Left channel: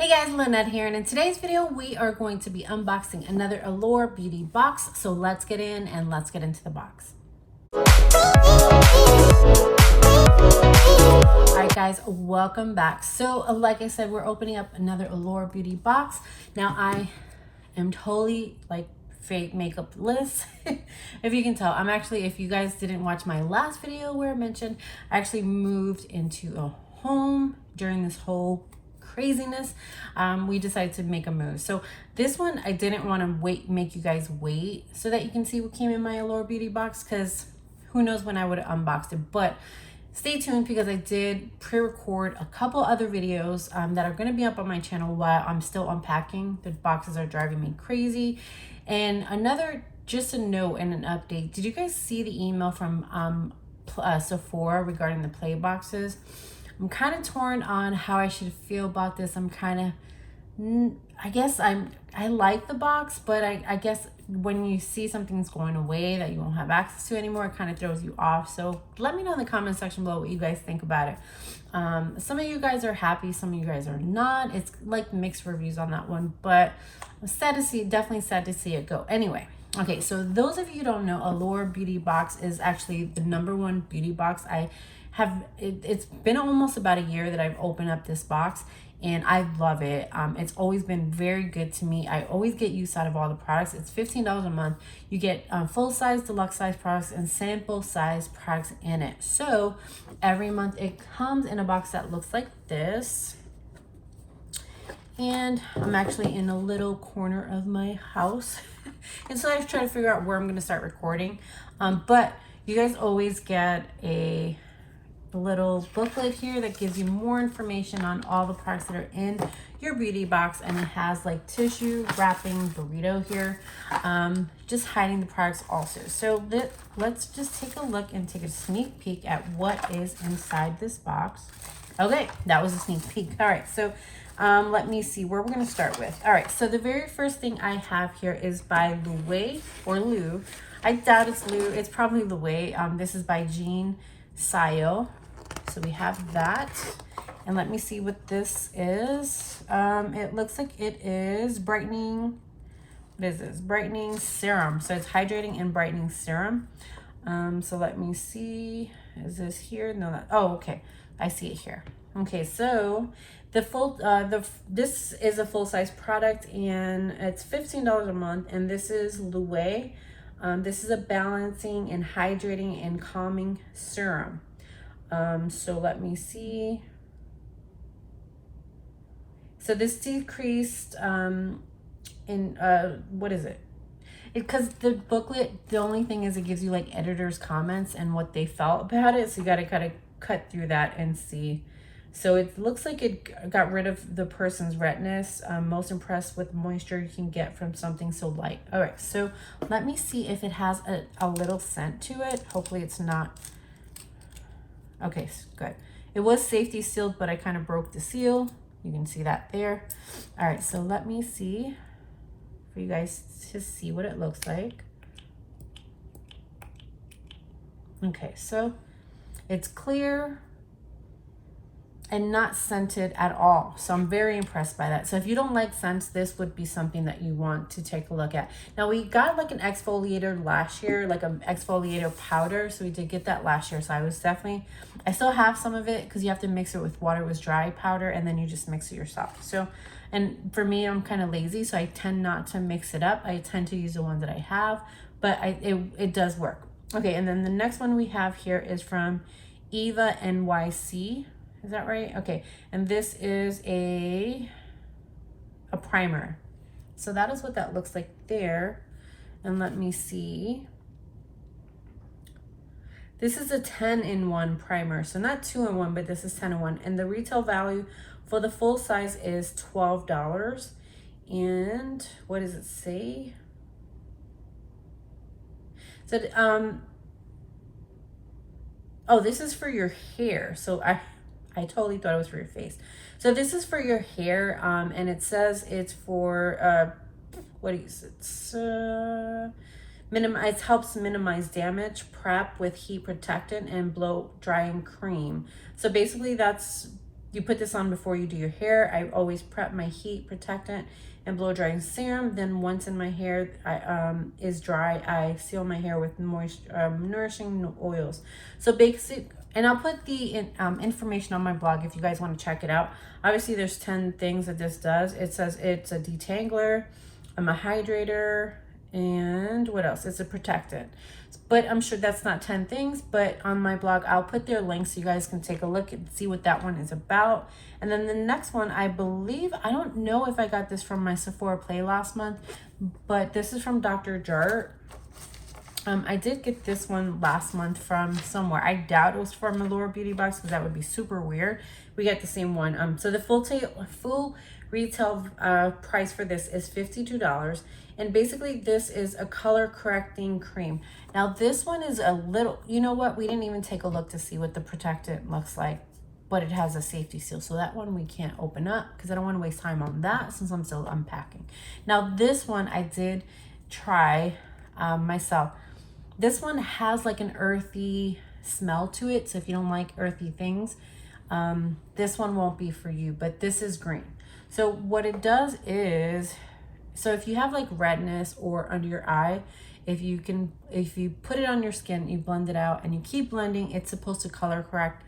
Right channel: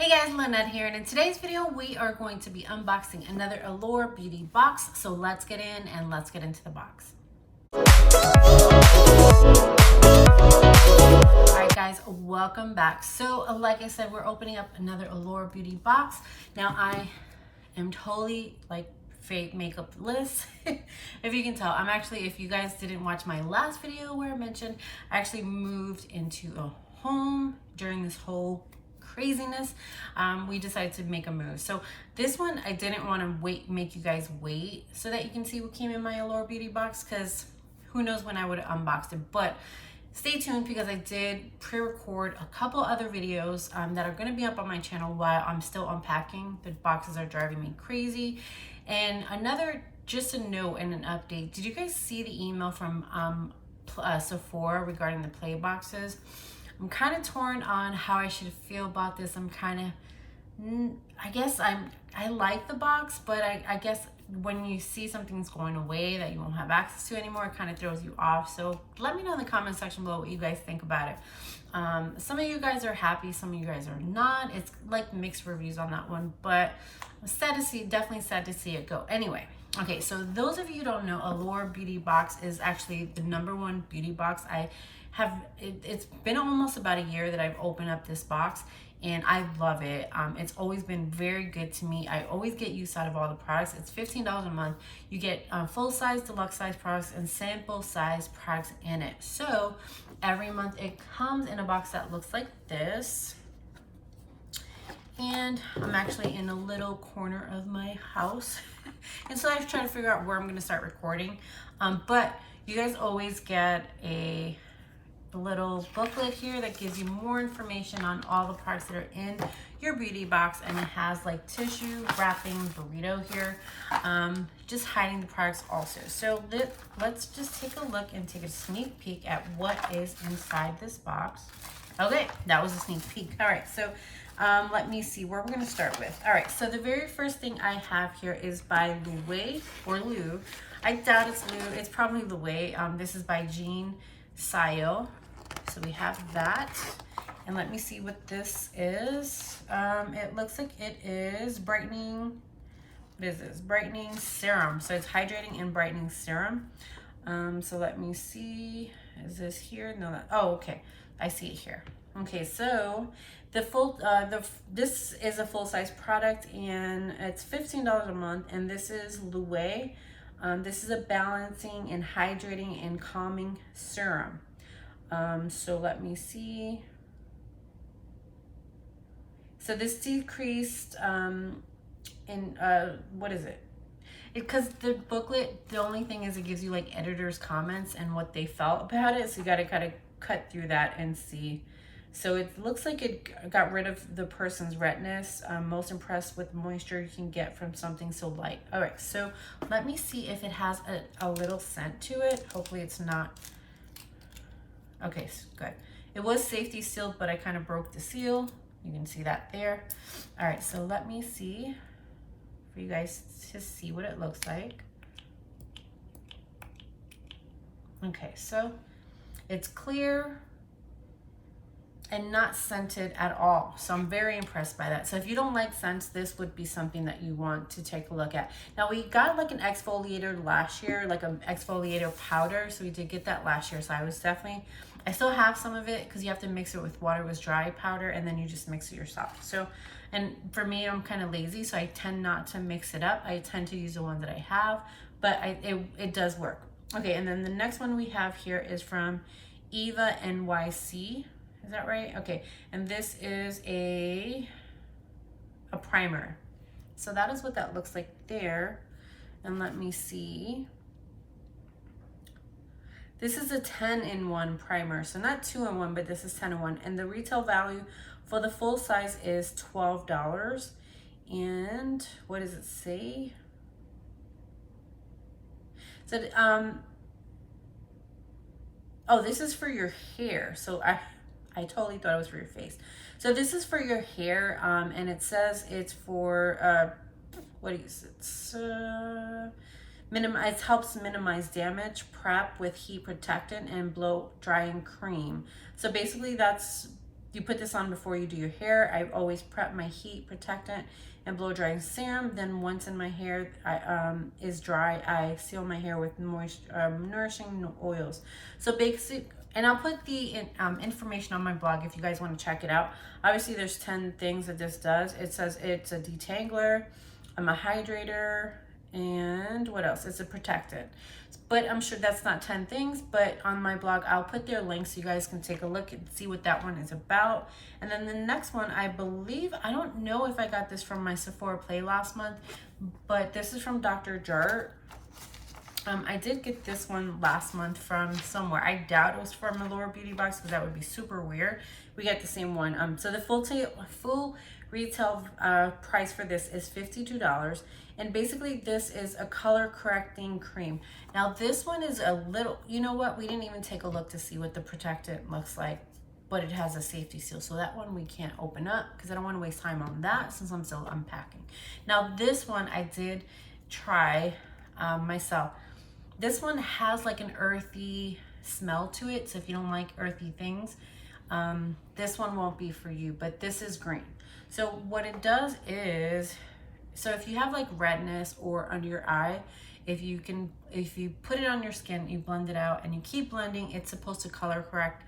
Hey guys, Lynette here, and in today's video we are going to be unboxing another Allure beauty box. So let's get in and let's get into the box. Alright guys, welcome back. So like I said, we're opening up another Allure beauty box. Now I am totally like fake makeup-less. If you can tell, I'm actually, if you guys didn't watch my last video where I mentioned, I actually moved into a home during this whole craziness. We decided to make a move. So this one, I didn't want to make you guys wait so that you can see what came in my Allure beauty box, because who knows when I would have unboxed it. But stay tuned, because I did pre-record a couple other videos that are going to be up on my channel while I'm still unpacking. The boxes are driving me crazy. And just a note and an update, did you guys see the email from Sephora regarding the play boxes? I'm kind of torn on how I should feel about this. I'm kind of, I like the box, but I guess when you see something's going away that you won't have access to anymore, it kind of throws you off. So let me know in the comment section below what you guys think about it. Some of you guys are happy, some of you guys are not. It's like mixed reviews on that one, but I'm sad to see, definitely sad to see it go. Anyway, okay, so those of you who don't know, Allure beauty box is actually the #1 beauty box I have. It's been almost about a year that I've opened up this box, and I love it. It's always been very good to me. I always get use out of all the products. It's $15 a month. You get full size, deluxe size products, and sample size products in it. So every month it comes in a box that looks like this. And I'm actually in a little corner of my house. And so I was trying to figure out where I'm going to start recording. But you guys always get a little booklet here that gives you more information on all the products that are in your beauty box. And it has like tissue wrapping burrito here, just hiding the products also. So let's just take a look and take a sneak peek at what is inside this box. Okay, that was a sneak peek. All right, so let me see where we're going to start with. All right, so the very first thing I have here is by Louis or Lou. I doubt it's Lou. It's probably Louis. This is by Jean Sile. So we have that. And let me see what this is. It looks like it is brightening. What is this? Brightening serum. So it's hydrating and brightening serum. So let me see. Is this here? No, that. Oh, okay. I see it here. Okay, so the full this is a full-size product, and it's $15 a month, and this is Louis. This is a balancing and hydrating and calming serum. So let me see. So this decreased what is it? Because the booklet, the only thing is it gives you like editors' comments and what they felt about it. So you got to kind of cut through that and see. So it looks like it got rid of the person's redness. Most impressed with moisture you can get from something so light. All right, so let me see if it has a little scent to it. Hopefully it's not. Okay, good. It was safety sealed, but I kind of broke the seal. You can see that there. All right, so let me see for you guys to see what it looks like. Okay, so it's clear and not scented at all. So I'm very impressed by that. So if you don't like scents, this would be something that you want to take a look at. Now we got like an exfoliator last year, like an exfoliator powder. So we did get that last year. So I still have some of it, because you have to mix it with water with dry powder, and then you just mix it yourself. So, and for me, I'm kind of lazy, so I tend not to mix it up. I tend to use the ones that I have, but it does work. Okay, and then the next one we have here is from Eva NYC. Is that right? Okay, and this is a primer. So that is what that looks like there. And let me see. This is a 10-in-1 primer. So not 2-in-1, but this is 10-in-1. And the retail value for the full size is $12. And what does it say? So, oh, this is for your hair. So I totally thought it was for your face. So this is for your hair, and it says it's for, what is it? It helps minimize damage, prep with heat protectant, and blow drying cream. So basically that's You put this on before you do your hair. I always prep my heat protectant and blow drying serum. Then once in my hair is dry, I seal my hair with nourishing oils. So basically, and I'll put the information on my blog if you guys want to check it out. Obviously, there's 10 things that this does. It says it's a detangler, a hydrator, and what else? It's a protectant. But I'm sure that's not 10 things, but on my blog, I'll put their links so you guys can take a look and see what that one is about. And then the next one, I believe, I don't know if I got this from my Sephora Play last month, but this is from Dr. Jart. I did get this one last month from somewhere. I doubt it was from Allure Beauty Box because that would be super weird. We got the same one. So the full retail price for this is $52. And basically this is a color correcting cream. Now this one is a little, you know what? We didn't even take a look to see what the protectant looks like, but it has a safety seal. So that one we can't open up because I don't want to waste time on that since I'm still unpacking. Now this one I did try myself. This one has like an earthy smell to it. So if you don't like earthy things, this one won't be for you, but this is green. So what it does is, so if you have like redness or under your eye, if you put it on your skin, you blend it out and you keep blending, it's supposed to color correct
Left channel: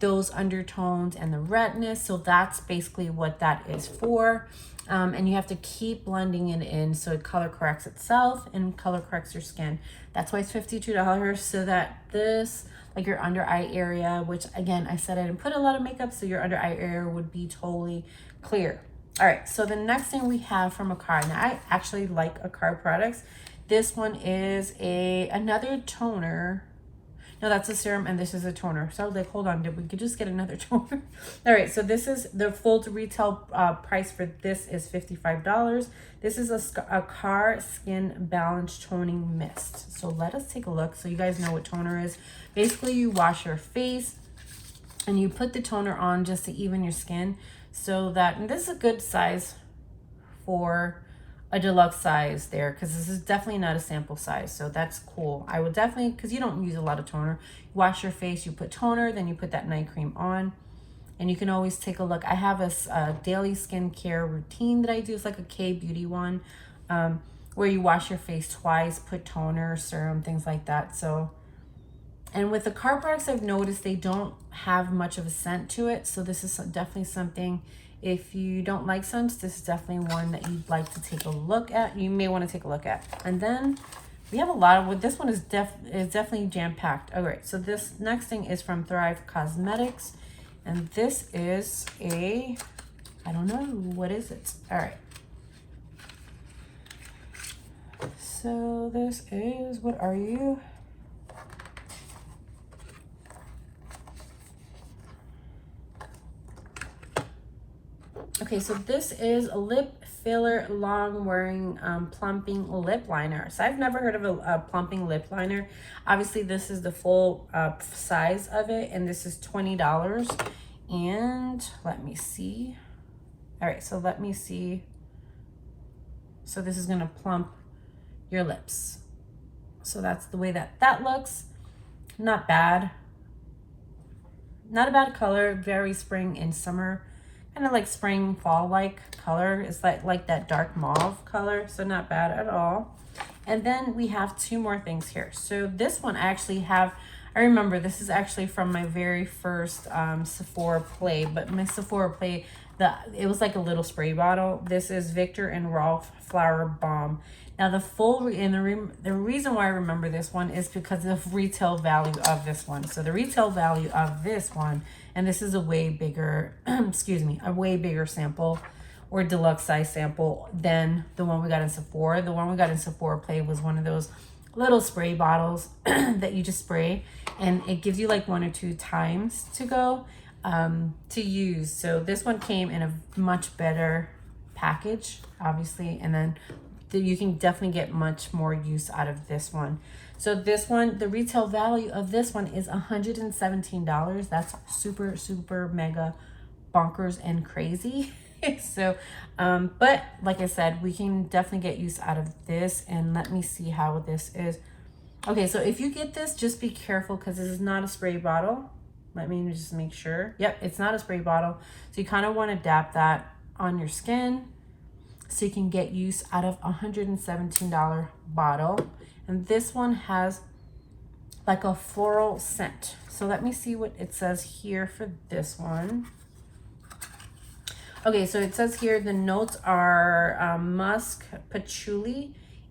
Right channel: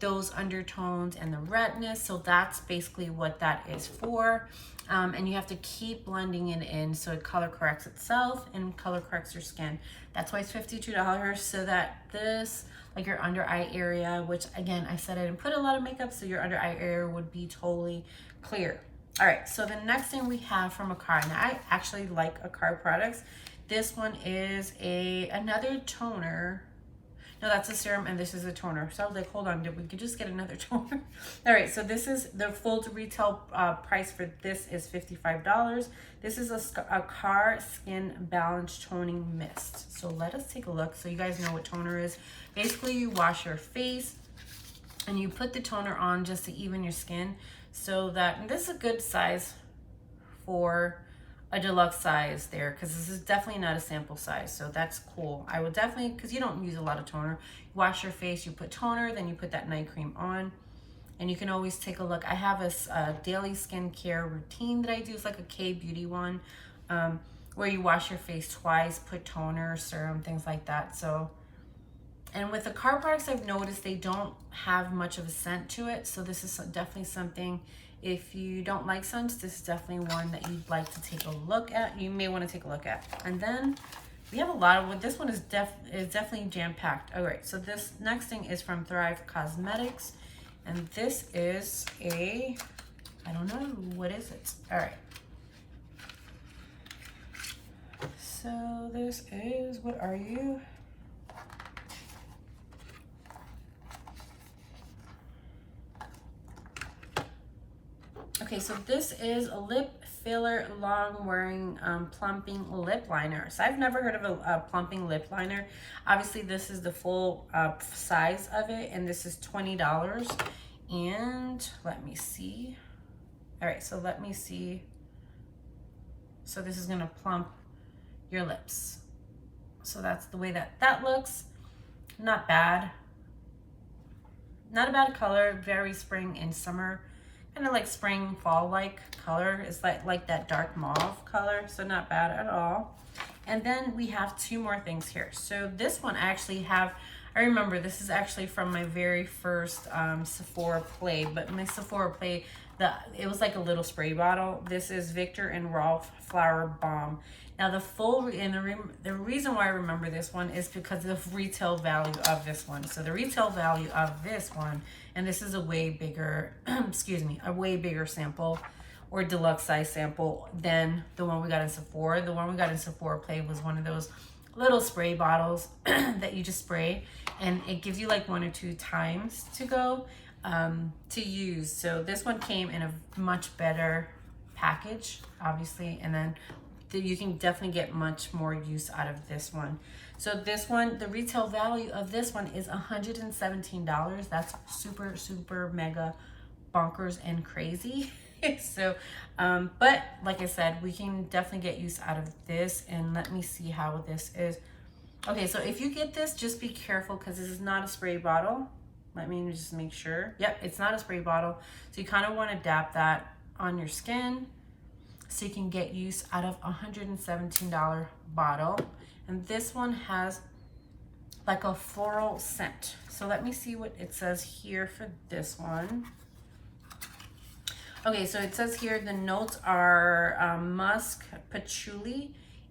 those undertones and the redness. So that's basically what that is for. And you have to keep blending it in so it color corrects itself and color corrects your skin. That's why it's $52, so that this, like your under eye area, which again, I said I didn't put a lot of makeup, so your under eye area would be totally clear. All right, so the next thing we have from Allure. Now I actually like Allure products. This one is another toner. No, that's a serum and this is a toner. So I was like, hold on, we could just get another toner. All right, so this is the full retail price for this is $55. This is a Allure Skin Balance Toning Mist. So let us take a look so you guys know what toner is. Basically, you wash your face and you put the toner on just to even your skin so that, and this is a good size for a deluxe size there, because this is definitely not a sample size, so that's cool. I would definitely, because you don't use a lot of toner, you wash your face, you put toner, then you put that night cream on, and you can always take a look. I have a daily skincare routine that I do. It's like a K-beauty one, where you wash your face twice, put toner, serum, things like that. So, and with the Allure products, I've noticed they don't have much of a scent to it, so this is definitely something. If you don't like scents, this is definitely one that you'd like to take a look at. You may want to take a look at. And then we have a lot of, this one is definitely jam-packed. All right, so this next thing is from Thrive Cosmetics. And this is I don't know, what is it? All right. So this is, what are you? Okay, so this is a lip filler long wearing plumping lip liner. So I've never heard of a plumping lip liner. Obviously this is the full size of it, and this is $20. And let me see. All right, so let me see. So this is gonna plump your lips. So that's the way that looks. Not bad. Not a bad color, very spring and summer. Kind of like spring, fall-like color. It's like that dark mauve color, so not bad at all. And then we have two more things here. So this one I actually have, I remember this is actually from my very first Sephora Play, but my Sephora Play, it was like a little spray bottle. This is Victor and Rolf Flower Balm. Now the reason why I remember this one is because of retail value of this one. So the retail value of this one, and this is a way bigger, excuse me, a way bigger sample or deluxe size sample than the one we got in Sephora. The one we got in Sephora Play was one of those little spray bottles that you just spray, and it gives you like 1 or 2 times to go to use. So this one came in a much better package, obviously, and then you can definitely get much more use out of this one. So this one, the retail value of this one is $117. That's super, super mega bonkers and crazy. So, but like I said, we can definitely get use out of this. And let me see how this is. Okay, so if you get this, just be careful because this is not a spray bottle. Let me just make sure. Yep, it's not a spray bottle. So you kind of want to dab that on your skin so you can get use out of a $117 bottle. And this one has like a floral scent. So let me see what it says here for this one. Okay, so it says here the notes are musk, patchouli,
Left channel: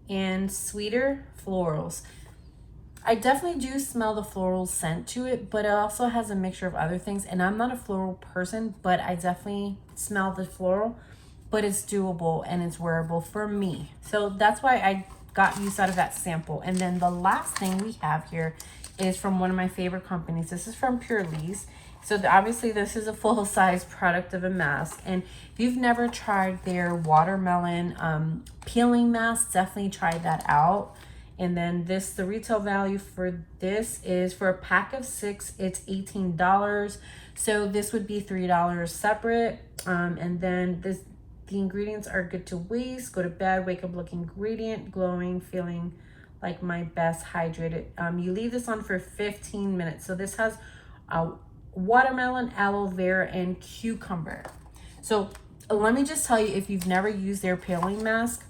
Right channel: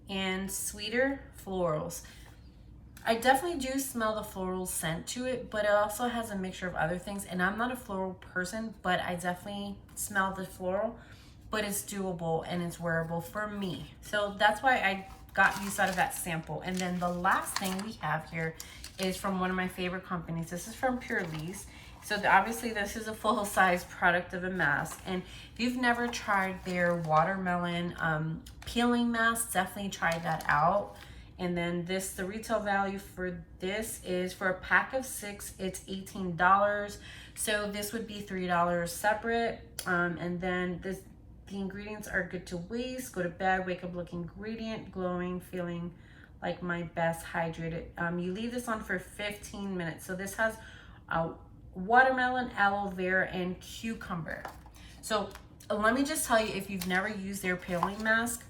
and sweeter florals. I definitely do smell the floral scent to it, but it also has a mixture of other things. And I'm not a floral person, but I definitely smell the floral, but it's doable and it's wearable for me. So that's why I got use out of that sample. And then the last thing we have here is from one of my favorite companies. This is from Pure Lee's. So obviously this is a full-size product of a mask. And if you've never tried their watermelon peeling mask, definitely try that out. And then the retail value for this is, for a pack of 6, it's $18. So this would be $3 separate. And then the ingredients are good to waste, go to bed, wake up looking radiant, glowing, feeling like my best, hydrated. You leave this on for 15 minutes. So this has watermelon, aloe vera, and cucumber. So let me just tell you, if you've never used their peeling mask,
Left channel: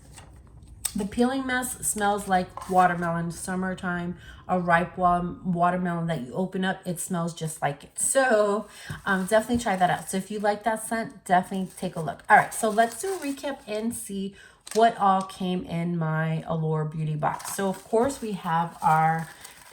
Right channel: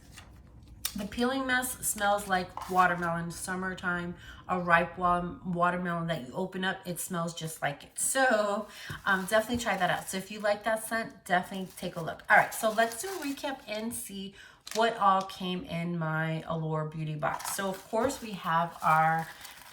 the peeling mask smells like watermelon, summertime, a ripe watermelon that you open up, it smells just like it. So definitely try that out. So if you like that scent, definitely take a look. All right, so let's do a recap and see what all came in my Allure beauty box. So of course we have our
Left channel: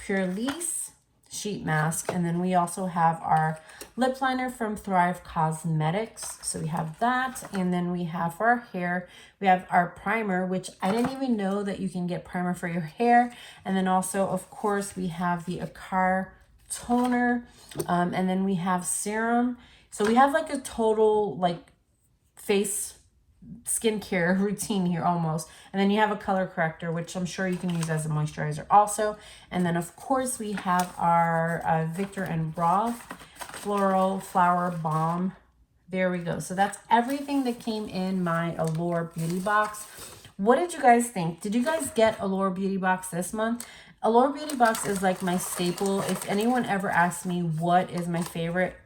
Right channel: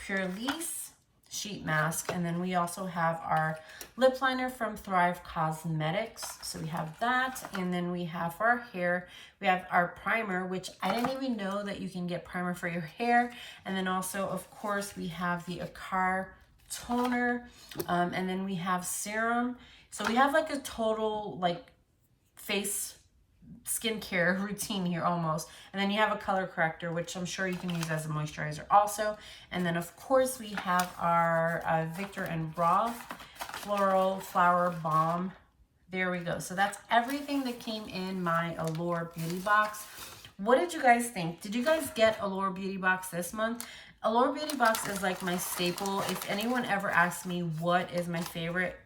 Pure Lee's sheet mask, and then we also have our lip liner from Thrive Cosmetics. So we have that, and then we have for our hair, we have our primer, which I didn't even know that you can get primer for your hair. And then also, of course, we have the Akar toner, and then we have serum. So we have like a total like face skincare routine here almost. And then you have a color corrector, which I'm sure you can use as a moisturizer also. And then of course we have our Victor and Rolf Floral Flower Balm. There we go. So that's everything that came in my Allure beauty box. What did you guys think? Did you guys get Allure beauty box this month? Allure beauty box is like my staple. If anyone ever asks me what is my favorite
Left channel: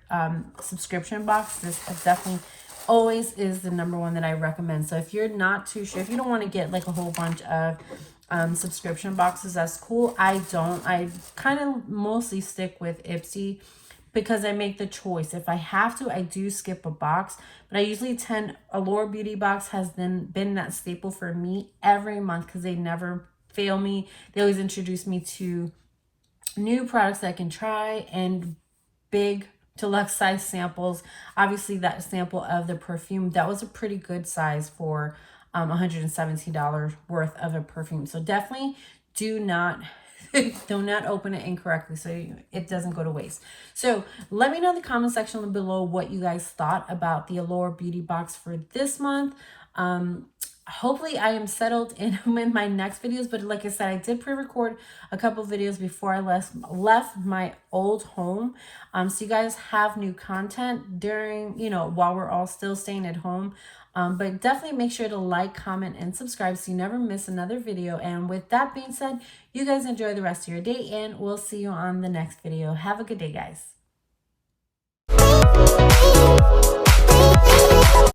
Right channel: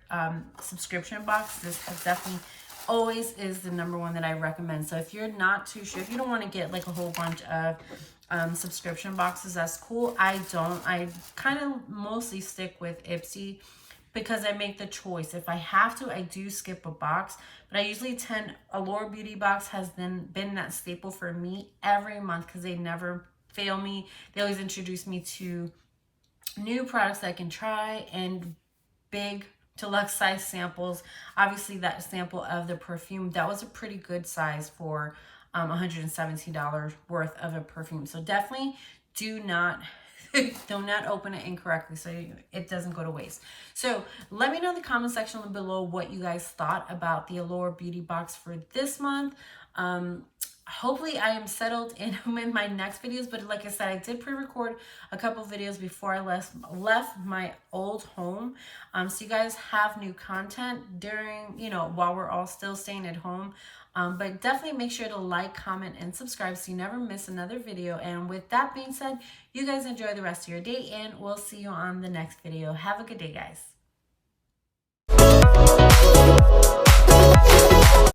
subscription box, this is definitely always is the number one that I recommend. So if you're not too sure, if you don't want to get like a whole bunch of subscription boxes, that's cool. I kind of mostly stick with Ipsy because I make the choice. If I have to, I do skip a box, but I usually Allure beauty box has been that staple for me every month because they never fail me. They always introduce me to new products that I can try and big deluxe size samples. Obviously that sample of the perfume, that was a pretty good size for $117 worth of a perfume. So definitely do not open it incorrectly so it doesn't go to waste. So let me know in the comment section below what you guys thought about the Allure beauty box for this month. Hopefully I am settled in my next videos, but like I said, I did pre-record a couple videos before I left my old home. So you guys have new content during, while we're all still staying at home. But definitely make sure to like, comment, and subscribe so you never miss another video. And with that being said, you guys enjoy the rest of your day, and we'll see you on the next video. Have a good day, guys.